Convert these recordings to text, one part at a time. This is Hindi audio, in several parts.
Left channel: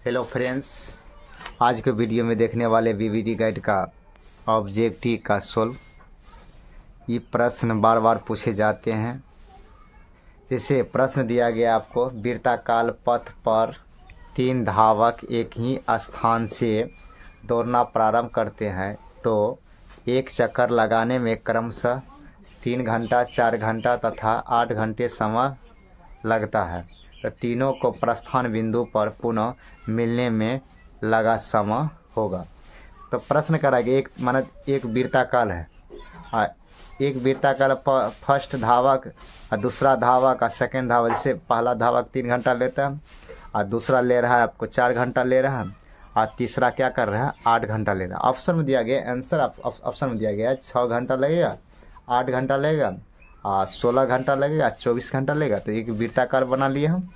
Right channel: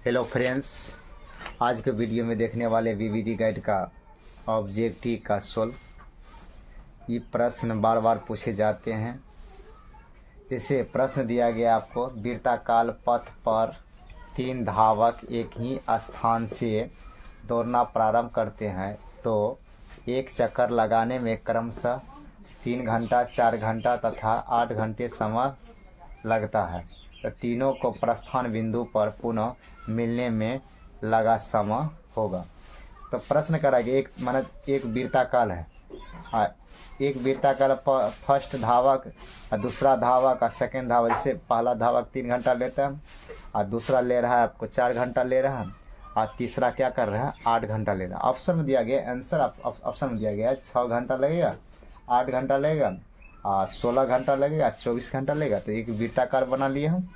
हेलो फ्रेंड्स, आज के वीडियो में देखने वाले वीवीडी गाइड का ऑब्जेक्टिव का सोल्व। ये प्रश्न बार बार पूछे जाते हैं। जैसे प्रश्न दिया गया आपको, वृत्ताकार पथ पर 3 धावक एक ही स्थान से दौड़ना प्रारंभ करते हैं तो एक चक्कर लगाने में क्रमशः 3 घंटा, 4 घंटा तथा 8 घंटे समय लगता है। तो तीनों को प्रस्थान बिंदु पर पुनः मिलने में लगा समय होगा। तो प्रश्न करेंगे, एक वृत्ताकार है, एक वृत्ताकार फर्स्ट धावक और दूसरा धावक और सेकंड धावक। जैसे पहला धावक 3 घंटा लेता है और दूसरा ले रहा है आपको 4 घंटा ले रहा है और तीसरा क्या कर रहा है 8 घंटा ले रहा है। ऑप्शन में दिया गया आंसर, ऑप्शन में दिया गया है 6 घंटा लगेगा, 8 घंटा लगेगा, 16 घंटा लगेगा, 24 घंटा लगेगा। तो एक वृत्ताकार बना लिए हम,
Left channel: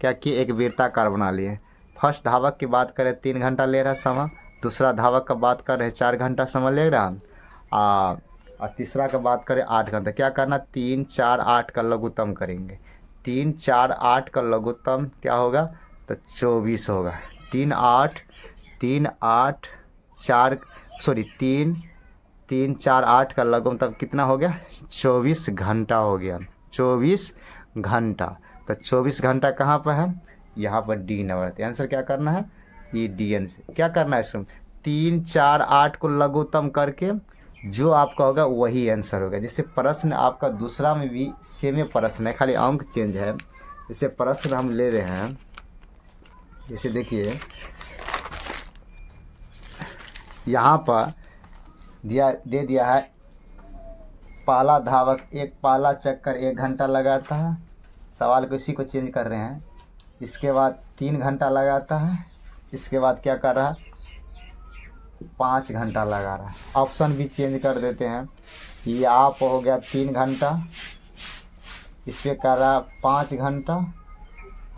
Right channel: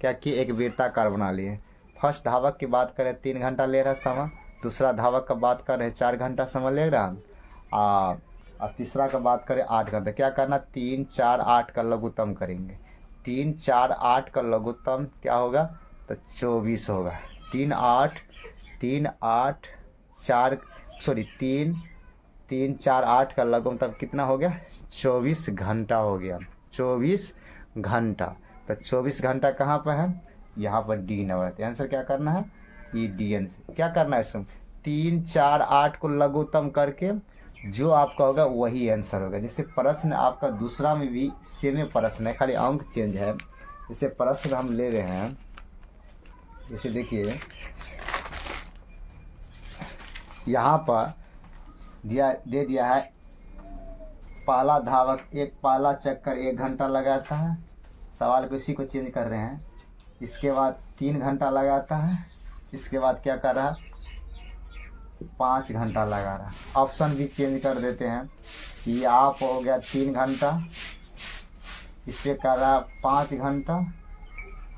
क्या कि एक वृत्ताकार बना लिए। फर्स्ट धावक की बात करें 3 घंटा ले रहा है समय, दूसरा धावक का बात करें 4 घंटा समय ले रहा और तीसरा का बात करें 8 घंटा। क्या करना, 3, 4, 8 का लघुत्तम करेंगे। 3, 4, 8 का लघुत्तम क्या होगा, तो 24 होगा। 3, 4, 8 का लघुत्तम कितना हो गया, 24 घंटा हो गया। 24 घंटा, तो 24 घंटा कहाँ पर है, यहाँ पर डी नंबर। आंसर क्या करना है, ये डी आंसर। क्या करना है इसमें, 3, 4, 8 को लघुत्तम करके जो आपका होगा वही आंसर होगा। जैसे प्रश्न आपका दूसरा में भी सेम प्रश्न है, खाली अंक चेंज है। जैसे प्रश्न हम ले रहे हैं, जैसे देखिए यहाँ पर दे दिया है, पहला धावक पहला चक्कर 1 घंटा लगाता है। सवाल को इसी को चेंज कर रहे हैं। इसके बाद 3 घंटा लगाता है, इसके बाद क्या कर रहा है 5 घंटा लगा रहा है। ऑप्शन भी चेंज कर देते हैं। ये आप हो गया 3 घंटा, इसमें कर रहा 5 घंटा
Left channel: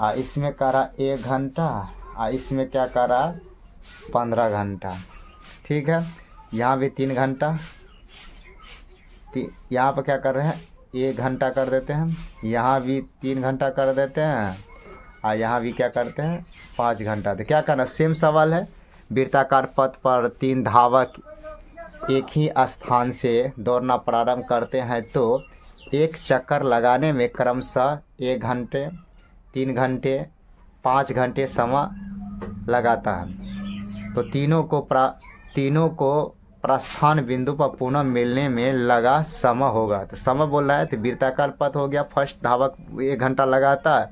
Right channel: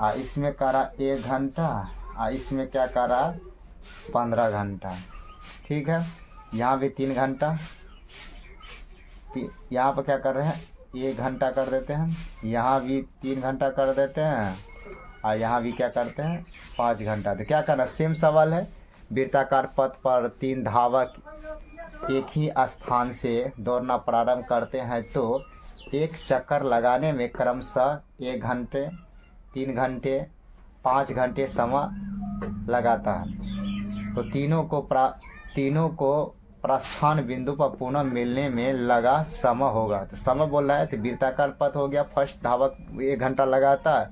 और इसमें कर रहा 1 घंटा और इसमें क्या कर रहा 15 घंटा। ठीक है, यहाँ भी 3 घंटा, यहाँ पर क्या कर रहे हैं 1 घंटा कर देते हैं, यहाँ भी 3 घंटा कर देते हैं और यहाँ भी क्या करते हैं 5 घंटा। तो क्या करना, सेम सवाल है। वृत्ताकार पथ पर 3 धावक एक ही स्थान से दौड़ना प्रारंभ करते हैं तो एक चक्कर लगाने में क्रमशः 1 घंटे, 3 घंटे, 5 घंटे समय लगाता है। तो तीनों को प्रस्थान बिंदु पर पुनः मिलने में लगा समय होगा। तो समय बोल रहा है, तो वृत्ताकार पथ हो गया। फर्स्ट धावक 1 घंटा लगाता है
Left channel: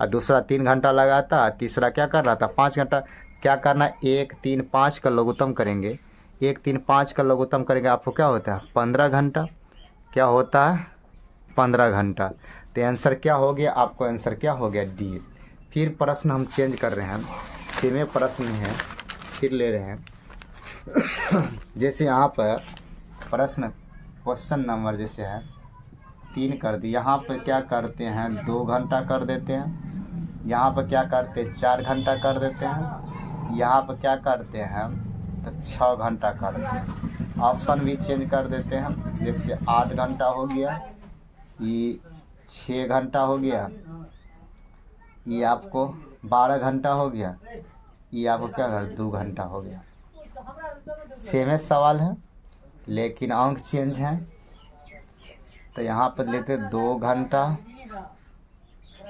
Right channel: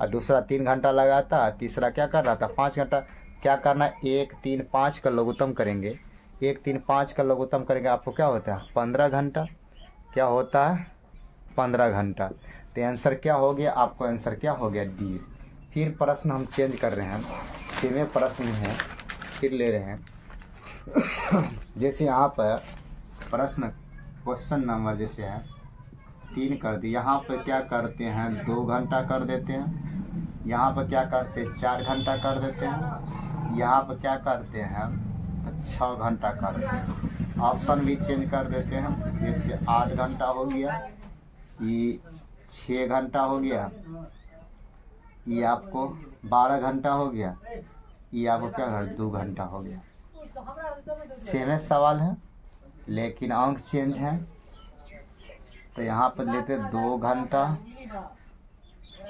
और दूसरा 3 घंटा लगाता है, तीसरा क्या कर रहा था 5 घंटा। क्या करना, 1, 3, 5 का लघुत्तम करेंगे। 1, 3, 5 का लघुत्तम करेंगे, आपको क्या होता है 15 घंटा। क्या होता है 15 घंटा। तो आंसर क्या हो गया, आपको आंसर क्या हो गया डी। फिर प्रश्न हम चेंज कर रहे हैं, सेम प्रश्न है, फिर ले रहे हैं। जैसे यहाँ पर प्रश्न क्वेश्चन नंबर जैसे है 3 कर दी, यहाँ पर क्या करते हैं 2 घंटा कर देते हैं, यहाँ पर क्या करते हैं 4 घंटा कर देते हैं, यहाँ पर क्या करते हैं तो 6 घंटा कर देते हैं। ऑप्शन भी चेंज कर देते हैं। जैसे 8 घंटा हो गया, ये 6 घंटा हो गया, ये आपको 12 घंटा हो गया, ये आपको क्या कर 2 घंटा हो गया। सेम सवाल है लेकिन अंक चेंज है। तो यहाँ पर लेते 2 घंटा,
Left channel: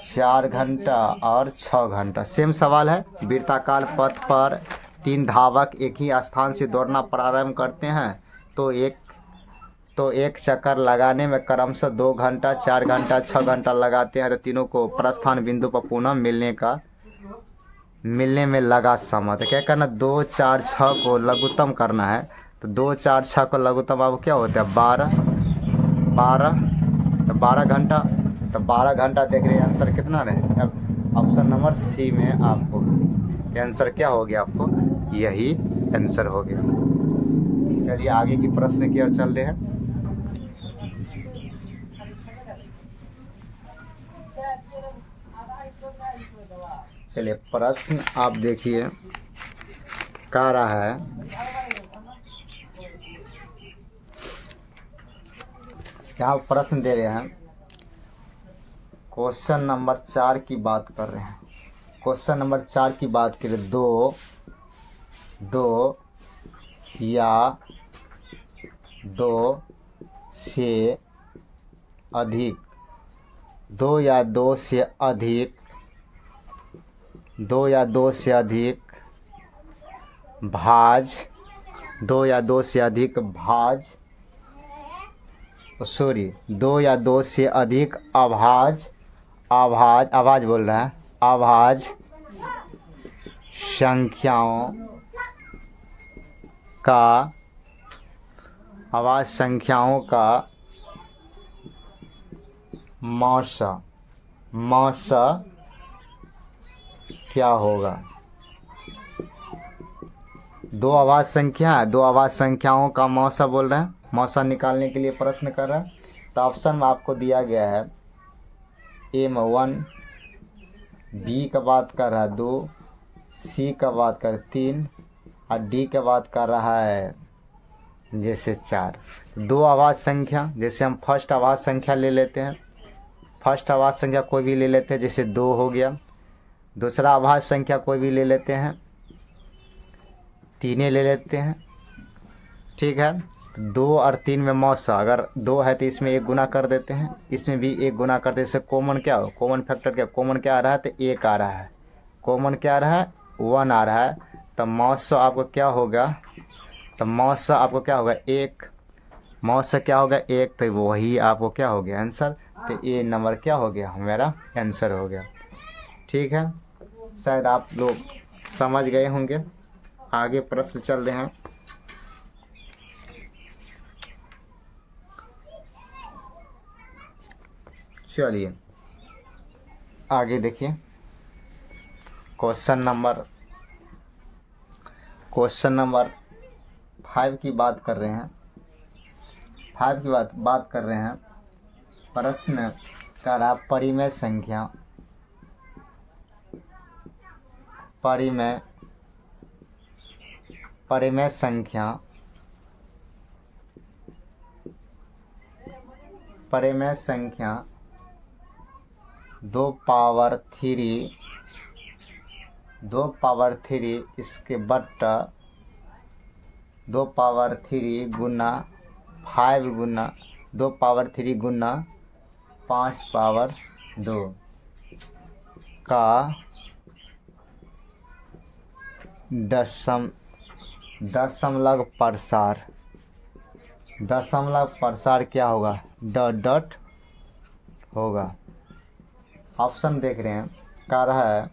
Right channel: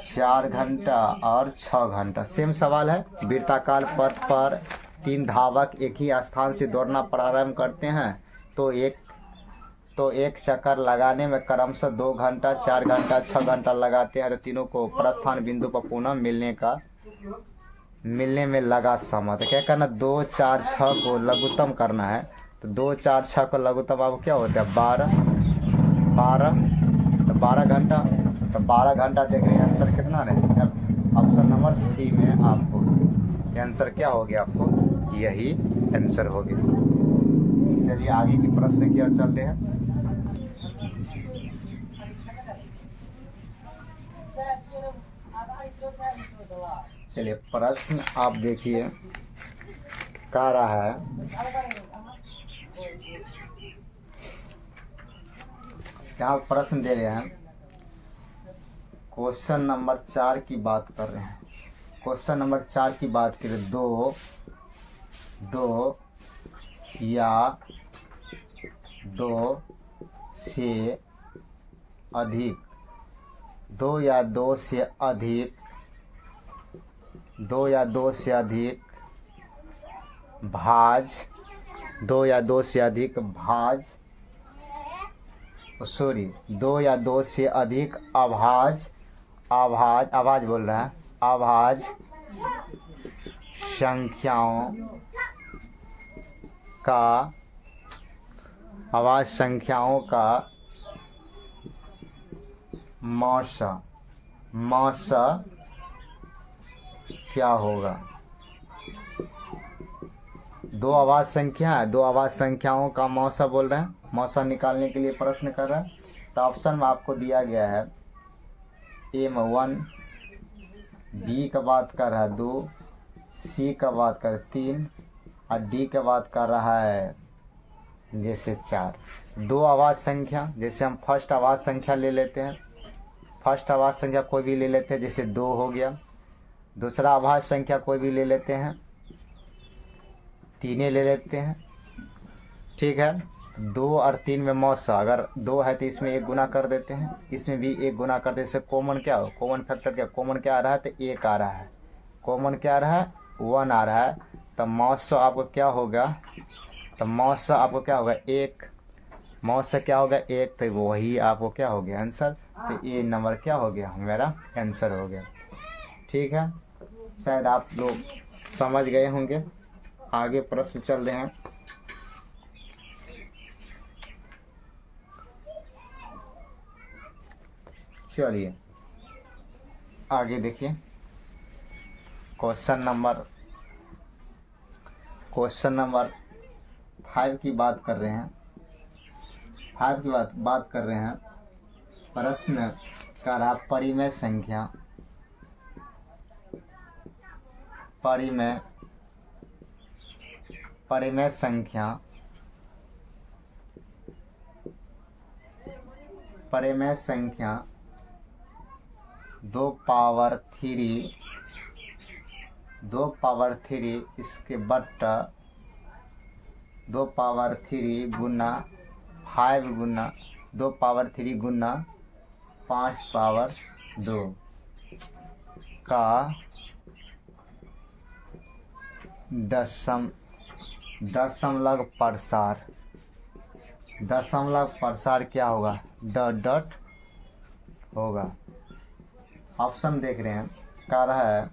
4 घंटा और 6 घंटा। सेम सवाल है। वृत्ताकार पथ पर 3 धावक एक ही स्थान से दौड़ना प्रारंभ करते हैं तो एक चक्कर लगाने में क्रमशः 2 घंटा, 4 घंटा, 6 घंटा लगाते हैं। तो तीनों को प्रस्थान बिंदु पर पुनः मिलने में लगा समय। तो क्या करना, 2, 4, 6 को लघुत्तम करना है। तो 2, 4, 6 को लघुत्तम आपको क्या होता है 12, तो 12 घंटा। तो 12 घंटा देख रहे हैं, आंसर कितना रहे, ऑप्शन नंबर सी में आपको आंसर क्या हो गया, आपको यही आंसर हो गया। चलिए आगे की प्रश्न की ओर चल रहे हैं। चलिए प्रश्न आप देखिए कह रहा है, क्या प्रश्न दे रहे हैं, क्वेश्चन नंबर 4 की बात कर रहे हैं। क्वेश्चन नंबर 4 की बात करें, दो या दो से अधिक, दो या दो से अधिक भाज, दो या दो से अधिक भाज, सॉरी, दो या दो से अधिक आभाज बोल रहा है, आभाज संख्याओं का मौसा क्या होगा। दो आवाज संख्याओं का मौसा बोल रहे हैं, मौसा निकालने के लिए प्रश्न कर रहा है। तो ऑप्शन में आपको दिया गया है M1, B का बात कर रहा है 2, C का बात कर 3 और D का बात कर रहा है जैसे 4। दो आवाज संख्या, जैसे हम फर्स्ट आवाज संख्या ले लेते हैं, फर्स्ट आवाज संख्या कोई भी ले लेते हैं, जैसे 2 हो गया। दूसरा आवाज संख्या कोई भी ले लेते हैं, 3 ले लेते हैं, ठीक है। 2 और 3 में मौसा, अगर 2 है तो इसमें 1 गुना कर देते हैं, इसमें भी 1 गुना करते हैं। इससे कॉमन क्या हो, कॉमन फैक्टर क्या, कॉमन क्या आ रहा है तो 1 आ रहा है, कॉमन क्या आ रहा है 1 आ रहा है। तो मौसा आपको क्या होगा, तो मौसा आपको क्या होगा 1, मौसा क्या होगा 1, तो वही आपको क्या हो गया आंसर। तो ये नंबर क्या हो गया, मेरा आंसर हो गया, ठीक है। शायद आप लोग समझ गए होंगे। आगे प्रश्न चल रहे हैं। चलिए आगे देखिए, क्वेश्चन नंबर 5 की बात कर रहे हैं। 5 की बात कर रहे हैं। प्रश्न कर रहा परिमेय संख्या, परिमेय संख्या 2 पावर 3 इसके बट्टा 2 पावर 3 गुना 5 गुना 2 पावर 3 गुना 5 पावर 2 का दशमलव प्रसार क्या होगा, डॉट होगा। ऑप्शन देख रहे हैं, कह रहा है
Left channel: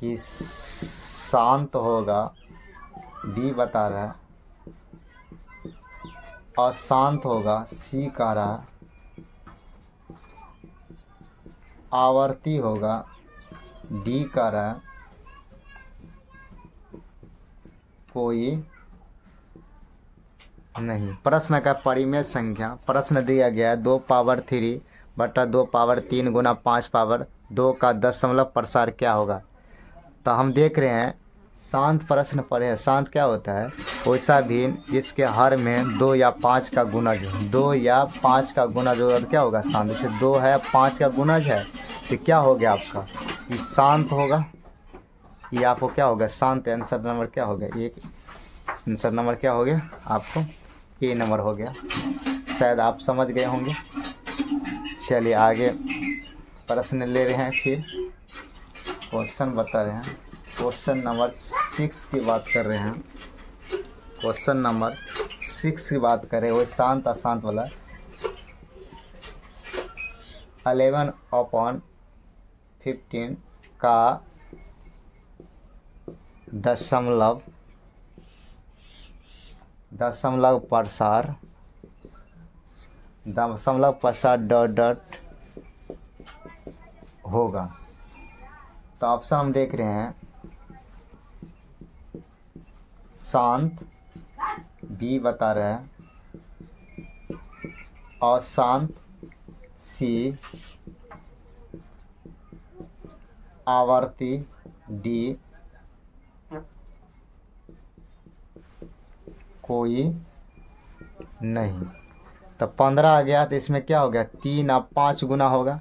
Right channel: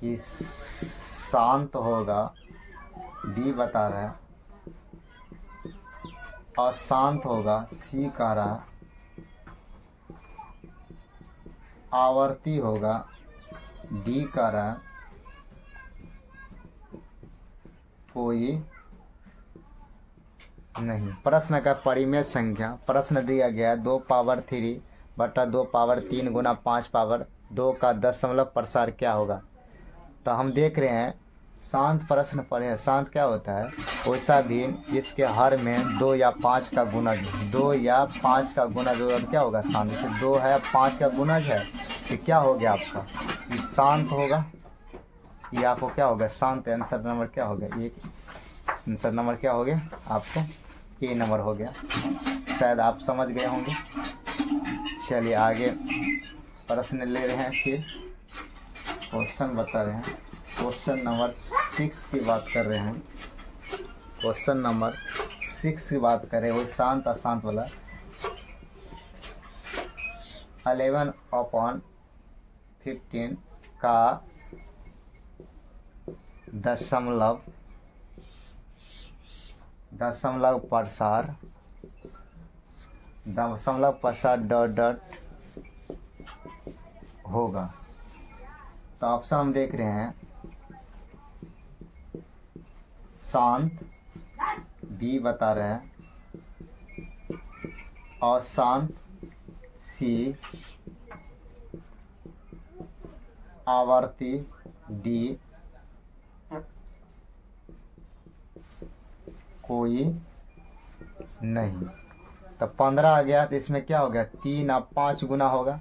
कि शांत होगा, B बता रहा है, अशांत होगा, C कह रहा है, आवर्ती होगा, D कह रहा है, कोई नहीं। प्रश्न का परिमेय संख्या, प्रश्न दिया गया है 2 पावर 3 बटा 2 पावर 3 गुना 5 पावर 2 का दशमलव प्रसार क्या होगा। तो हम देख रहे हैं शांत प्रश्न पढ़े हैं। शांत क्या होता है, वैसा भी जिसके हर में 2 या 5 का गुणज, 2 या 5 का गुणज और क्या होगा शांत। जैसे 2 है 5 का गुणज है तो क्या हो गया आपका, ये शांत होगा, ये आपको क्या होगा शांत। आंसर नंबर क्या हो गया, एक आंसर नंबर क्या हो गया आपको, ए नंबर हो गया। शायद आप समझ गए होंगे। चलिए आगे प्रश्न ले रहे हैं, फिर क्वेश्चन बता रहे हैं। क्वेश्चन नंबर 6 की बात कर रहे हैं। क्वेश्चन नंबर 6 की बात करें, वो शांत अशांत वाला। 11/15 का दशमलव प्रसार डॉट होगा। तो ऑप्शन हम देख रहे हैं, शांत B बता रहे हैं, अशांत C, आवर्ती D, कोई नहीं। तो 15 आ गया, तो इसमें क्या हो गया 3 और 5 गुना होगा।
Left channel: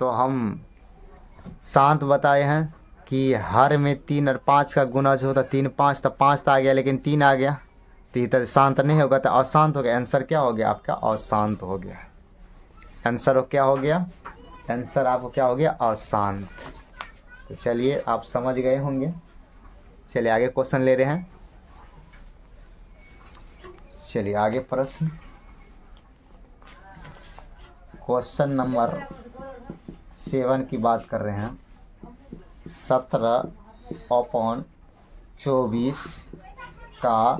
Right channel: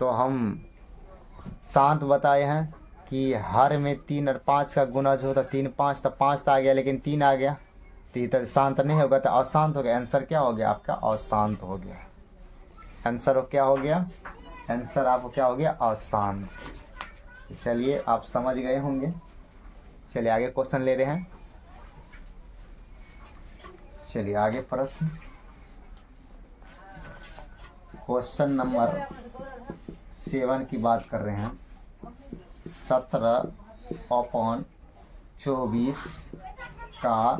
तो हम शांत बताए हैं कि हर में 3 और 5 का गुणज हो तो 3 5 तो 5 तो आ गया, लेकिन 3 आ गया तो इधर शांत नहीं होगा तो अशांत हो गया। आंसर क्या हो गया आपका? अशांत हो गया। आंसर क्या हो गया? आंसर आपको क्या हो गया? अशांत। तो चलिए आप समझ गए होंगे। चलिए आगे क्वेश्चन ले रहे हैं। चलिए आगे प्रश्न, क्वेश्चन नंबर 7 की बात कर रहे हैं। 17/24 का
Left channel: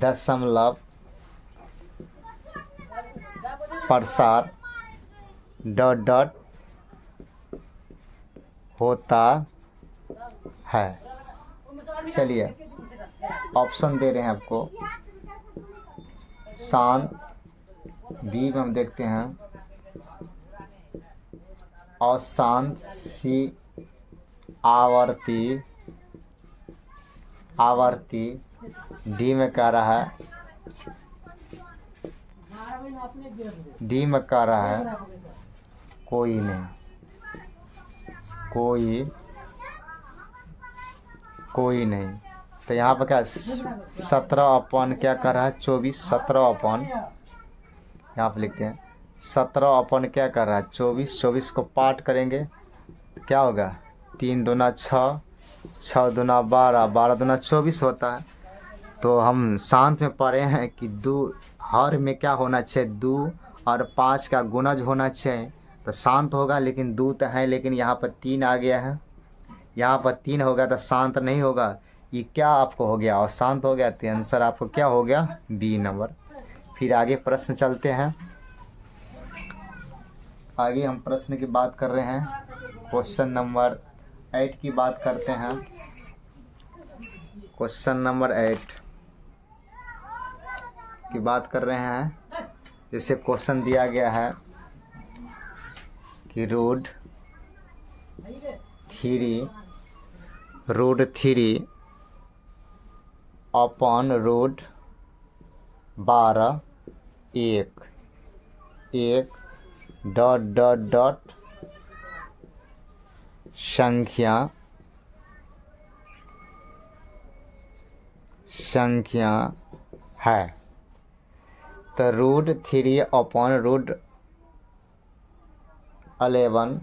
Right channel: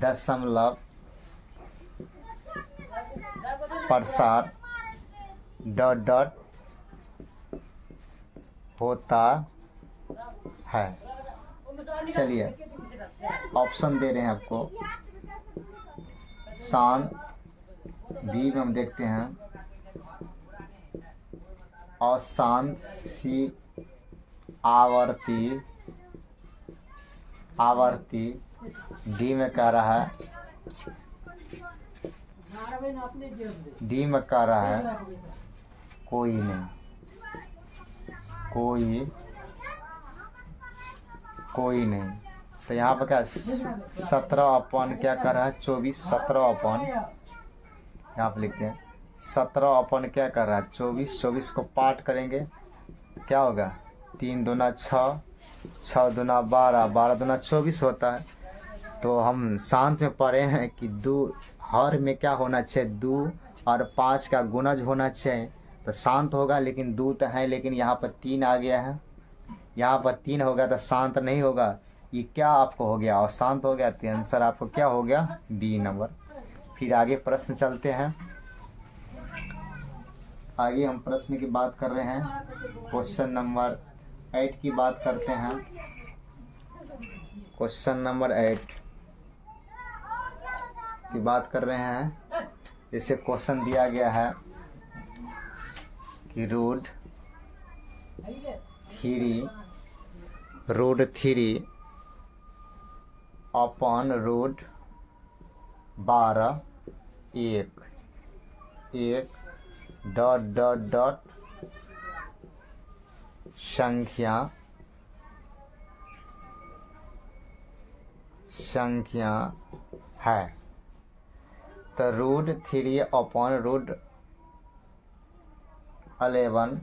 दशमलव प्रसार ... होता है। चलिए ऑप्शन दे रहे हैं आपको। शान बी में हम देखते हैं अशांत, सी आवर्ती, डी में कह रहा है, डी में कह रहा है कोई नहीं, कोई नहीं। तो यहाँ पर क्या 17 अपन क्या कर रहा है? 24। 17 अपन यहाँ पर लिखते हैं 17 अपन क्या कर रहा है? 24। 24 को पार्ट करेंगे तो क्या होगा? 3 दूना 6, 6 दूना 12, 12 दूना 24 होता है। तो हम शांत में पढ़े हैं कि हर में क्या होना चाहिए? 2 और 5 का गुणज होना चाहिए तो शांत होगा। लेकिन 2 तो है, लेकिन यहाँ पर 3 आ गया है। यहाँ पर 3 होगा तो शांत नहीं होगा। ये क्या आपको हो गया? और शांत हो गया। तो आंसर आपको क्या हो गया? B number. फिर आगे प्रश्न चलते हैं। आगे हम प्रश्न की बात कर रहे हैं। क्वेश्चन नंबर 8 की बात करते हैं। क्वेश्चन नंबर 8 की बात कर रहे हैं। जैसे क्वेश्चन दिया गया है कि रूट 3 अपॉन रूट 12 एक डॉट संख्या है। तो रूट 3 अपॉन रूट 11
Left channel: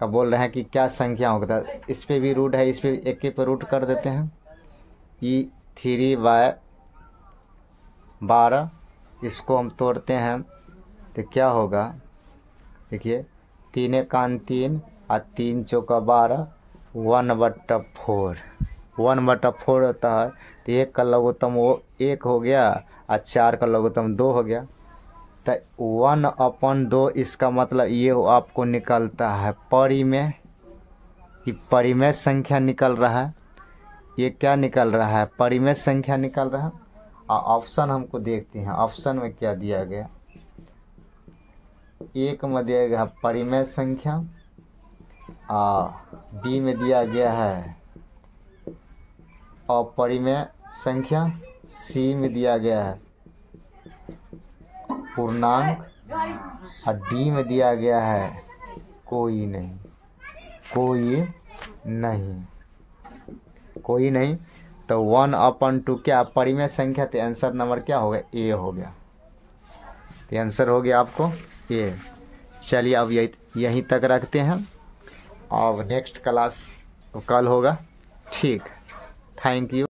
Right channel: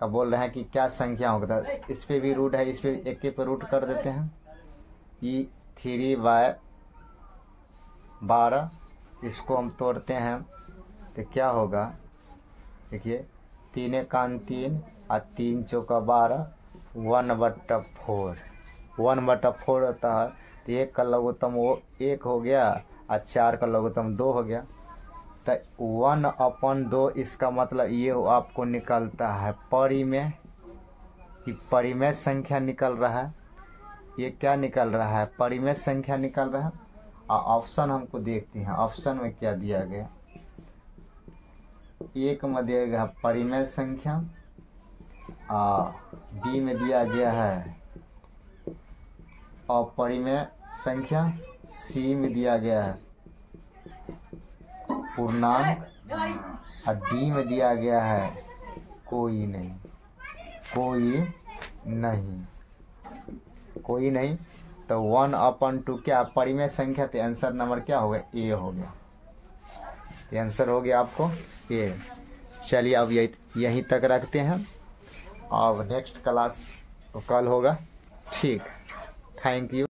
का बोल रहे हैं कि क्या संख्या होगा। तो इस पे भी रूट है, इस पे एक पे रूट कर देते हैं। ये 3/12 इसको हम तोड़ते हैं तो क्या होगा? देखिए 3 एकान 3 और 3 चौका 12, 1/4 होता है। तो 1 का लघुत्तम वो 1 हो गया और 4 का लघुत्तम 2 हो गया। तो 1/2 इसका मतलब ये आपको निकलता है परिमेय। ये परिमेय संख्या निकल रहा है। ये क्या निकल रहा है? परिमेय संख्या निकल रहा है। और ऑप्शन हमको देखते हैं, ऑप्शन में क्या दिया गया? 1 में दिया गया परिमेय संख्या, बी में दिया गया है अपरिमेय संख्या, सी में दिया गया है पूर्णांक और डी में दिया गया है कोई नहीं। तो 1/2 क्या परिमेय संख्या? तो आंसर नंबर क्या हो गया? ए हो गया। तो आंसर हो गया आपको ए। चलिए अब यहीं तक रखते हैं। अब नेक्स्ट क्लास कल होगा। ठीक, थैंक यू।